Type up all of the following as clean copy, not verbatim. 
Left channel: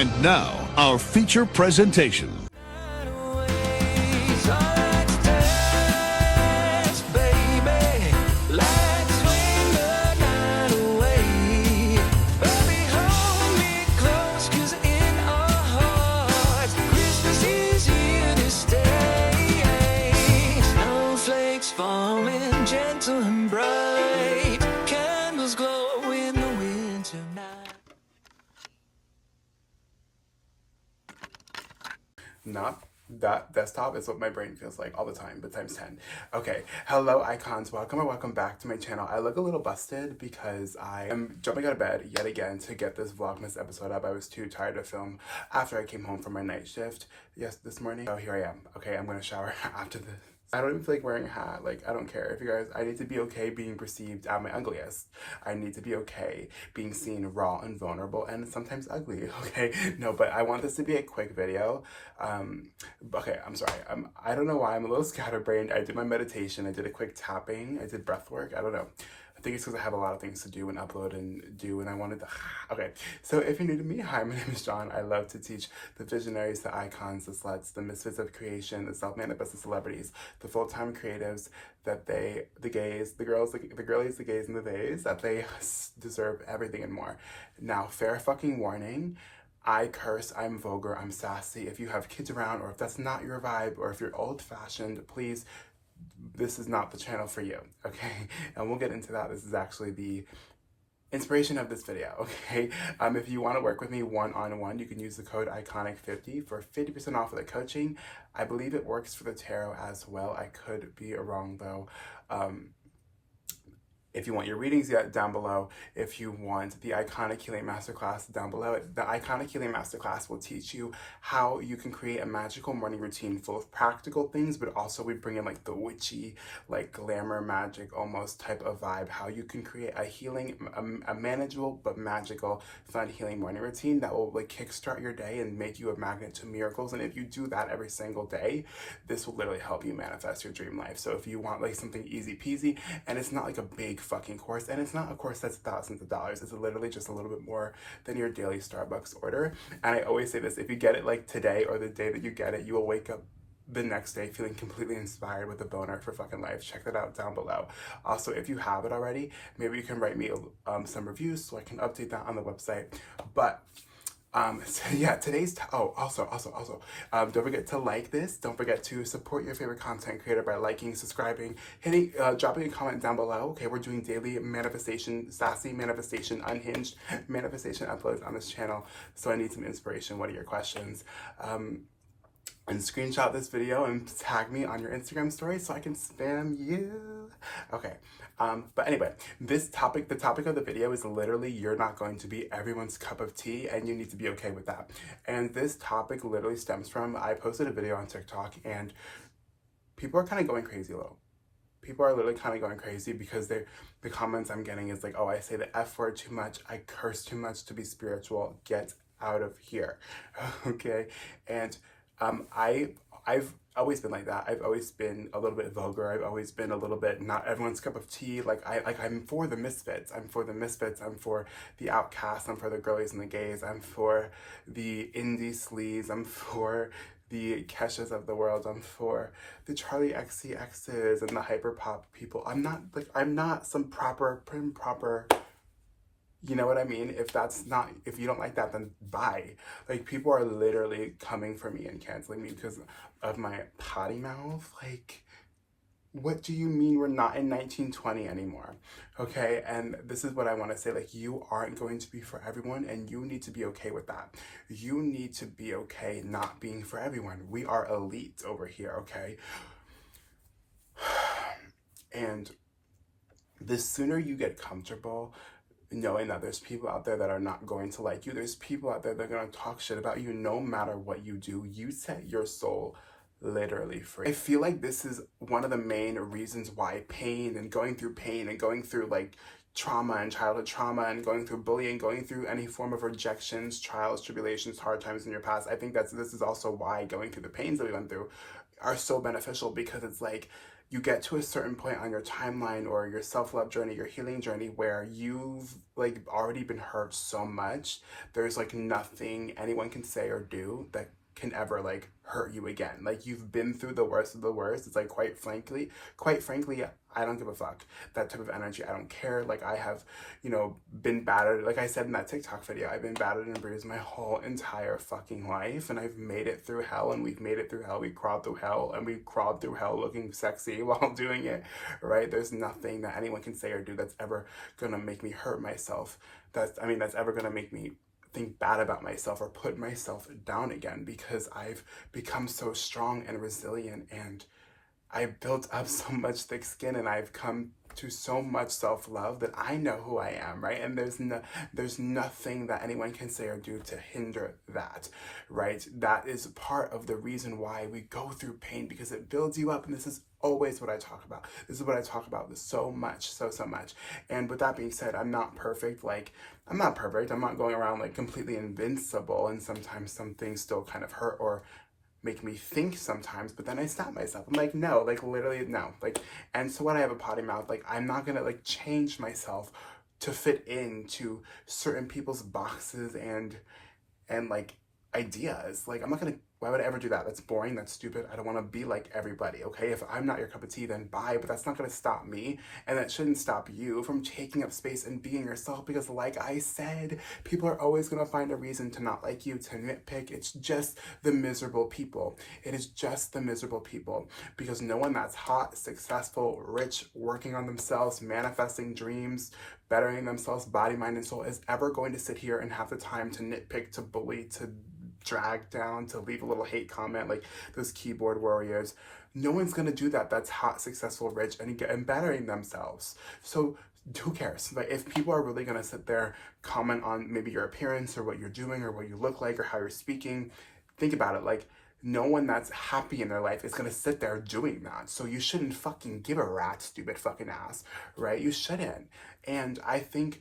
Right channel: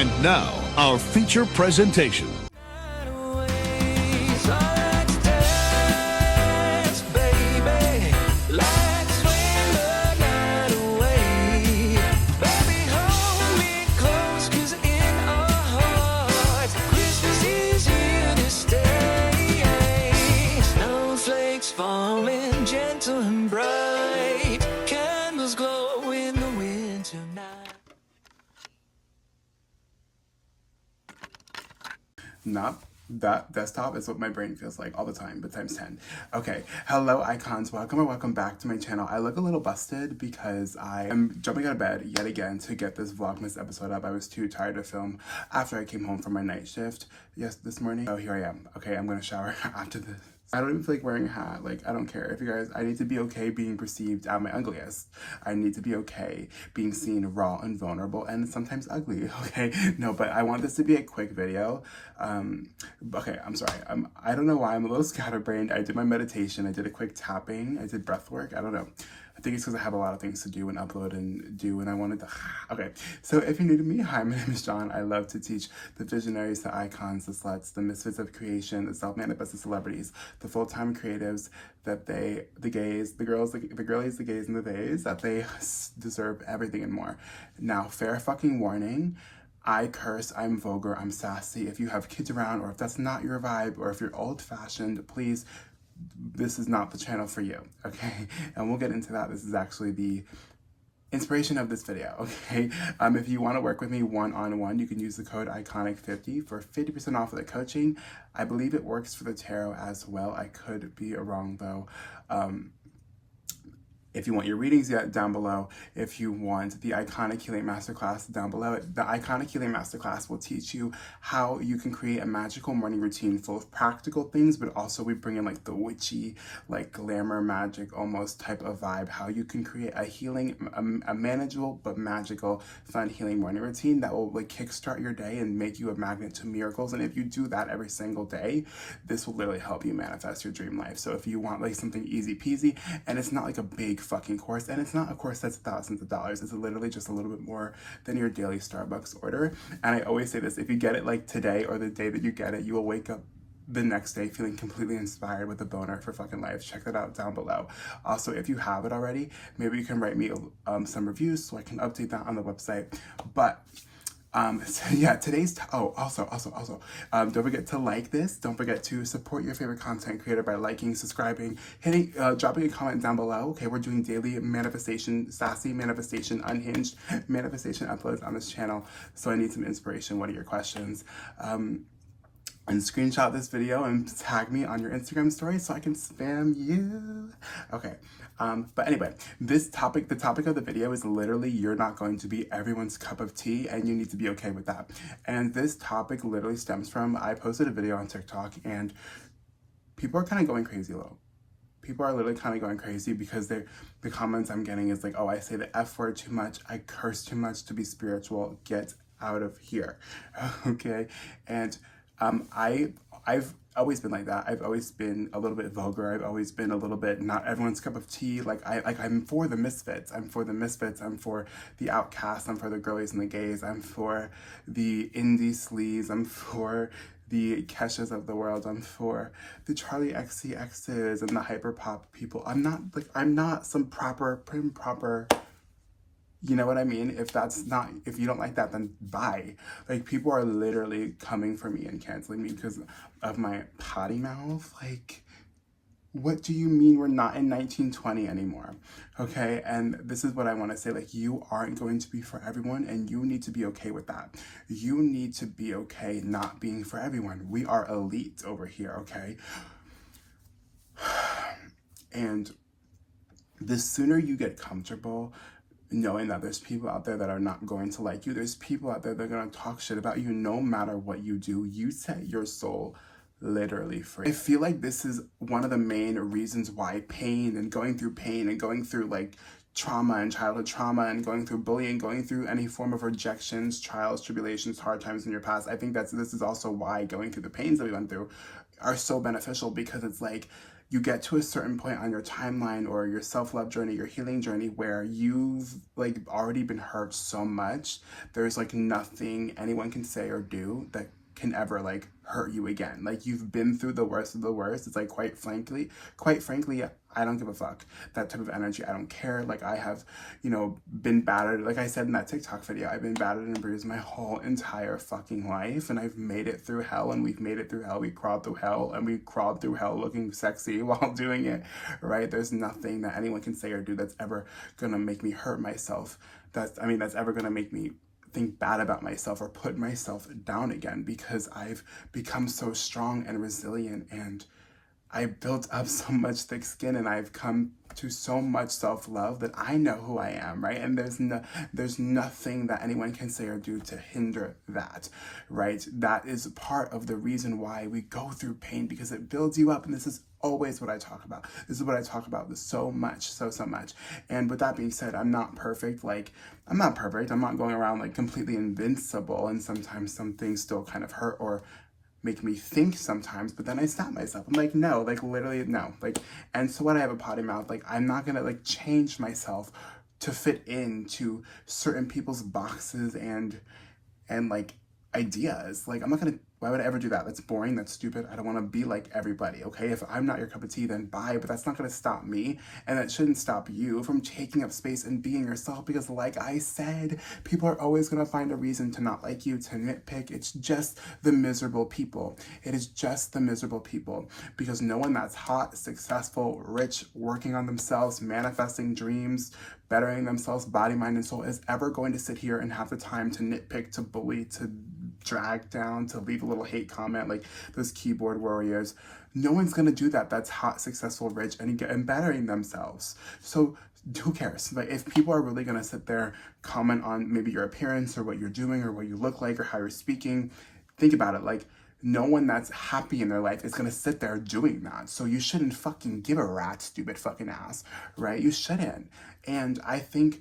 And now, our feature presentation. Falling gentle and bright, candles glow in the winter night. Not that desktop is what my brain feels like all the time, but times 10. Okay, hello icons, welcome or welcome back to my channel. I look a little busted because I am jumping out of bed yet again to get this Vlogmas episode up. I was too tired to film after I came home from my night shift this morning. So here I am. Okay, I'm gonna shower after this. I don't even feel like wearing a hat. Like, I don't care. If you guys, I need to be okay being perceived at my ugliest. I need to be okay being seen raw and vulnerable and sometimes ugly, okay? No, but I want this to be a quick video. Okay, I'm sorry. I don't know why I'm a little scatterbrained. I did my meditation. I did a quick tapping. I did breath work. I don't know. I think it's because I have a lot of things to do and upload and do, and I wanted to, okay. So if you're new to me, hi, my name is John. I love to teach the visionaries, the icons, the sluts, the misfits of creation, the self-manifested celebrities, the full-time creatives, that the gays, the girls, the girlies, the gays, and the theys, that they deserve everything and more. Now, fair fucking warning, I curse, I'm vulgar, I'm sassy. If you have kids around, or if that's not your vibe, or if you're old-fashioned, please, this is not the channel for you, okay? And we'll get into that. This is actually the inspiration of this video, okay? If you want to work with me one-on-one, you can use the code ICONIC50 for 50% off of the coaching. I believe it works for the tarot as well. I could be wrong though. If you want your readings, down below. If you want the Iconic Healing Masterclass, down below. The Iconic Healing Masterclass will teach you how you can create a magical morning routine full of practical things, but also we bring in like the witchy, like glamour, magic almost type of vibe, how you can create a healing, a manageable but magical, fun healing morning routine that will like kickstart your day and make you a magnet to miracles. And if you do that every single day, this will literally help you manifest your dream life. So if you want like something easy peasy, and it's not like a big fucking course, and it's not a course that's thousands of dollars, it's literally just a little bit more than your daily Starbucks order. And I always say this, if you get it like today or the day that you get it, you will wake up the next day feeling completely inspired with a boner for fucking life. Check that out down below. Also, if you have it already, maybe you can write me some reviews so I can update that on the website. But so yeah, today's, also, don't forget to like this. Don't forget to support your favorite content creator by liking, subscribing, hitting, dropping a comment down below. Okay, we're doing daily manifestation, sassy manifestation, unhinged manifestation uploads on this channel. So I need some inspiration. What are your questions? And screenshot this video and tag me on your Instagram story so I can spam you. Okay, but anyway, the topic of the video is literally you're not going to be everyone's cup of tea, and you need to be okay with that. And this topic literally stems from, I posted a video on TikTok and people are kind of going crazy a little. People are literally kind of going crazy because the comments I'm getting is like, oh, I say the F word too much, I curse too much to be spiritual, get out of here, okay? And I've always been like that. I've always been a little bit vulgar. I've always been a little bit not everyone's cup of tea. I'm for the misfits. I'm for the misfits. I'm for the outcasts. I'm for the girlies and the gays. I'm for the indie sleaze. I'm for the Keshas of the world. I'm for the Charlie XCXs and the hyper pop people. I'm not some prim proper. You know what I mean? If you don't like that, then bye. Like, people are literally coming for me and canceling me because of my potty mouth. Like, what do you mean we're not in 1920 anymore? Okay, and this is what I want to say. Like, you aren't going to be for everyone, and you need to be okay with that. You need to be okay not being for everyone. We are elite over here, okay? And the sooner you get comfortable knowing that there's people out there that are not going to like you, there's people out there that are going to talk shit about you no matter what you do, you set your soul literally free. I feel like this is one of the main reasons why pain and going through like trauma and childhood trauma and going through bullying, going through any form of rejections, trials, tribulations, hard times in your past, I think this is also why going through the pains that we went through are so beneficial, because it's like, you get to a certain point on your timeline or your self-love journey, your healing journey, where you've like already been hurt so much, there's like nothing anyone can say or do that can ever like hurt you again. Like, you've been through the worst of the worst. It's like, quite frankly, I don't give a fuck. That type of energy, I don't care. Like, I have, you know, been battered. Like I said in that TikTok video, I've been battered and bruised my whole entire fucking life, and I've made it through hell, and we've made it through hell. We crawled through hell, and we crawled through hell looking sexy while doing it, right? There's nothing that anyone can say or do that's ever gonna make me hurt myself. That's ever gonna make me think bad about myself or put myself down again, because I've become so strong and resilient, and I built up so much thick skin, and I've come to so much self-love that I know who I am, right? And there's nothing that anyone can say or do to hinder that, right? That is part of the reason why we go through pain, because it builds you up. And this is always what I talk about. This is what I talk about so much, so much. And with that being said, I'm not perfect. Like, I'm not perfect. I'm not going around like completely invincible, and sometimes some things still kind of hurt or make me think sometimes, but then I stop myself. I'm like, no, like literally no. Like, and so when I have a potty mouth, like, I'm not gonna like change myself to fit into certain people's boxes and like ideas. Like, I'm not gonna, why would I ever do that? That's boring, that's stupid. I don't wanna be like everybody, okay? If I'm not your cup of tea, then bye, but that's not gonna stop me, and that shouldn't stop you from taking up space and being yourself, because like I said, people are always gonna find a reason to not like you, to nitpick. It's just the miserable people. It is just the miserable people, because no one that's hot, successful, rich, working on themselves, manifesting dreams, bettering themselves, body, mind, and soul, is ever going to sit here and have the time to nitpick, to bully, to drag down, to leave a little hate comment like those keyboard warriors. No one's gonna do that. That's hot, successful, rich, and bettering themselves. So who cares? Like, if people are really gonna sit there, comment on maybe your appearance or what you're doing or what you look like or how you're speaking, think about it. Like, no one that's happy in their life is gonna sit there doing that. So you shouldn't fucking give a rat, stupid fucking ass, right? You shouldn't. And I think,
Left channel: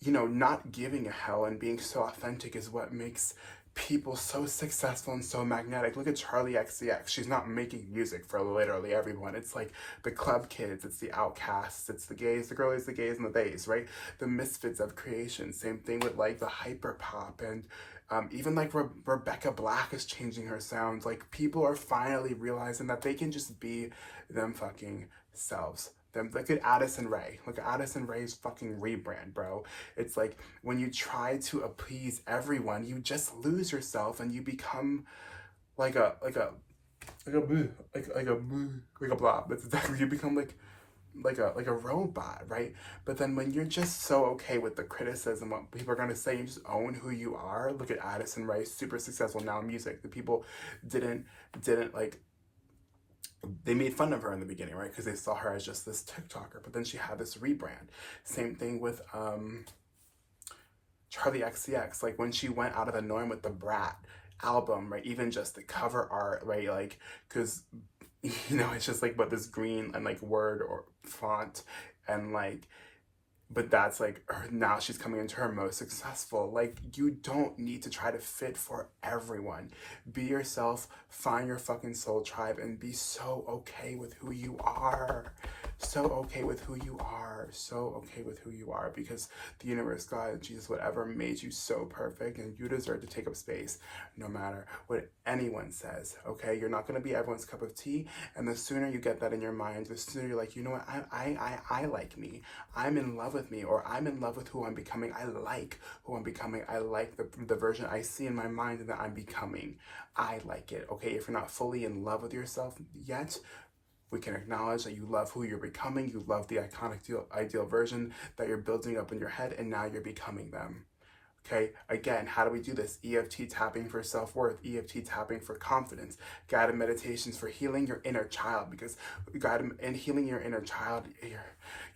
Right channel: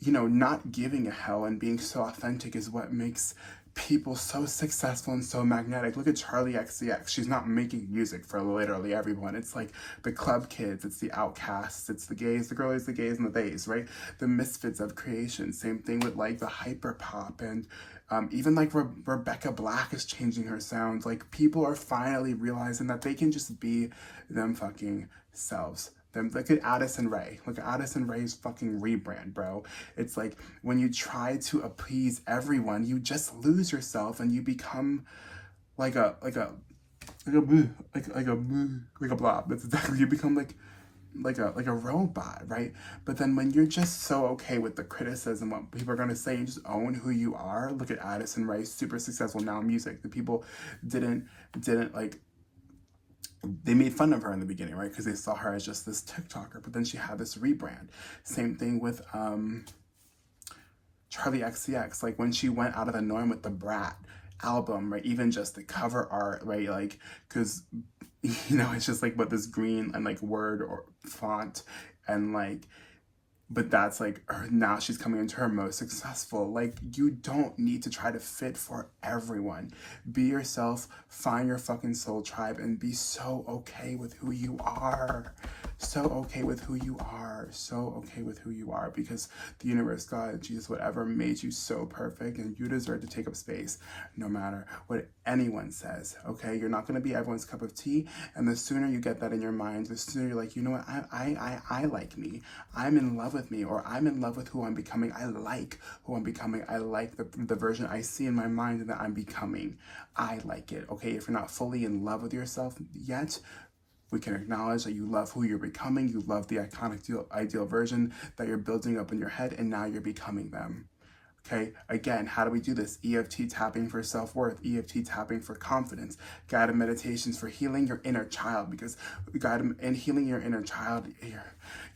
you know, not giving a hell and being so authentic is what makes people so successful and so magnetic. Look at Charlie XCX. She's not making music for literally everyone. It's like the club kids, it's the outcasts, it's the gays, the girlies, the gays, and the theys, right? The misfits of creation. Same thing with like the hyper pop, and even like Rebecca Black is changing her sound. Like, people are finally realizing that they can just be them fucking selves. Look at Addison Rae. Look at Addison Rae's fucking rebrand, bro. It's like, when you try to appease everyone, you just lose yourself, and you become like a blob. That's exactly, you become like a robot, right? But then when you're just so okay with the criticism, what people are gonna say, you just own who you are. Look at Addison Rae, super successful now in music. The people didn't like, they made fun of her in the beginning, right? Because they saw her as just this TikToker, but then she had this rebrand. Same thing with Charlie XCX. Like, when she went out of the norm with the Brat album, right? Even just the cover art, right? Like, because, you know, it's just like what this green and like word or font, and like, but that's like now she's coming into her most successful. Like, you don't need to try to fit for everyone. Be yourself, find your fucking soul tribe, and be so okay with who you are. So okay with who you are. So okay with who you are, because the universe, God, Jesus, whatever, made you so perfect, and you deserve to take up space no matter what anyone says, okay? You're not gonna be everyone's cup of tea, and the sooner you get that in your mind, the sooner you're like, you know what, I like me. I'm in love with me, or I'm in love with who I'm becoming. I like who I'm becoming. I like the version I see in my mind that I'm becoming. I like it, okay? If you're not fully in love with yourself yet, we can acknowledge that you love who you're becoming. You love the iconic ideal version that you're building up in your head, and now you're becoming them. Okay, again, how do we do this? EFT tapping for self-worth, EFT tapping for confidence, guided meditations for healing your inner child, because in healing your inner child,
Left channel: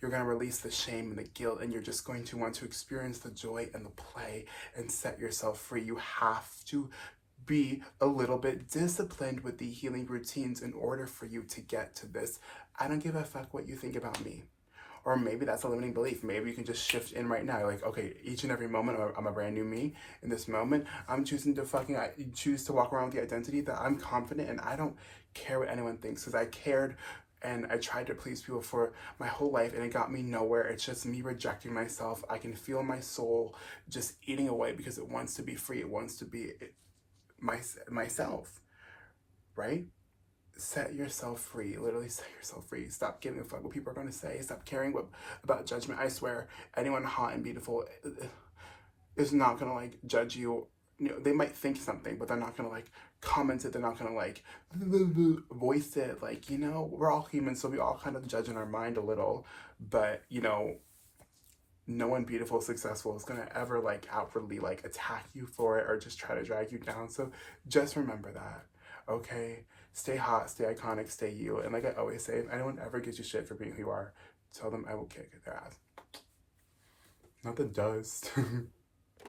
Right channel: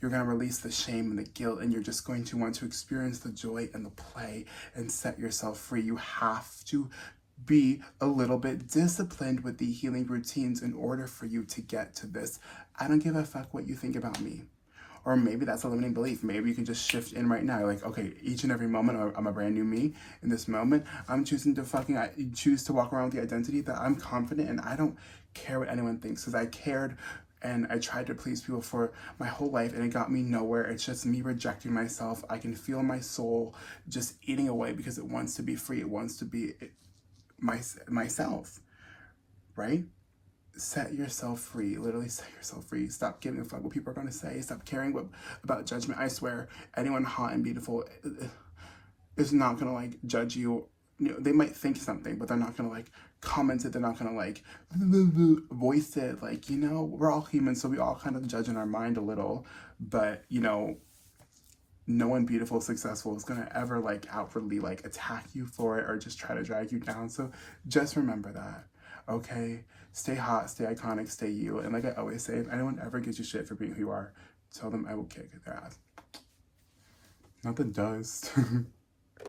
you're going to release the shame and the guilt, and you're just going to want to experience the joy and the play and set yourself free. You have to be a little bit disciplined with the healing routines in order for you to get to this. I don't give a fuck what you think about me. Or maybe that's a limiting belief. Maybe you can just shift in right now. Like, okay, each and every moment, I'm a brand new me. In this moment, I'm choosing to choose to walk around with the identity that I'm confident, and I don't care what anyone thinks, because I cared and I tried to please people for my whole life, and it got me nowhere. It's just me rejecting myself. I can feel my soul just eating away because it wants to be free. It wants to be myself, right? Set yourself free. Literally set yourself free. Stop giving a fuck what people are going to say. Stop caring about judgment. I swear, anyone hot and beautiful is not going to like judge you. You know, they might think something, but they're not going to like comment it. They're not going to like voice it. Like, you know, we're all human, so we all kind of judge in our mind a little, but you know, no one beautiful, successful is going to ever like outwardly like attack you for it or just try to drag you down. So just remember that, okay? Stay hot, stay iconic, stay you. And like I always say, if anyone ever gives you shit for being who you are, tell them I will kick their ass. Not the dust.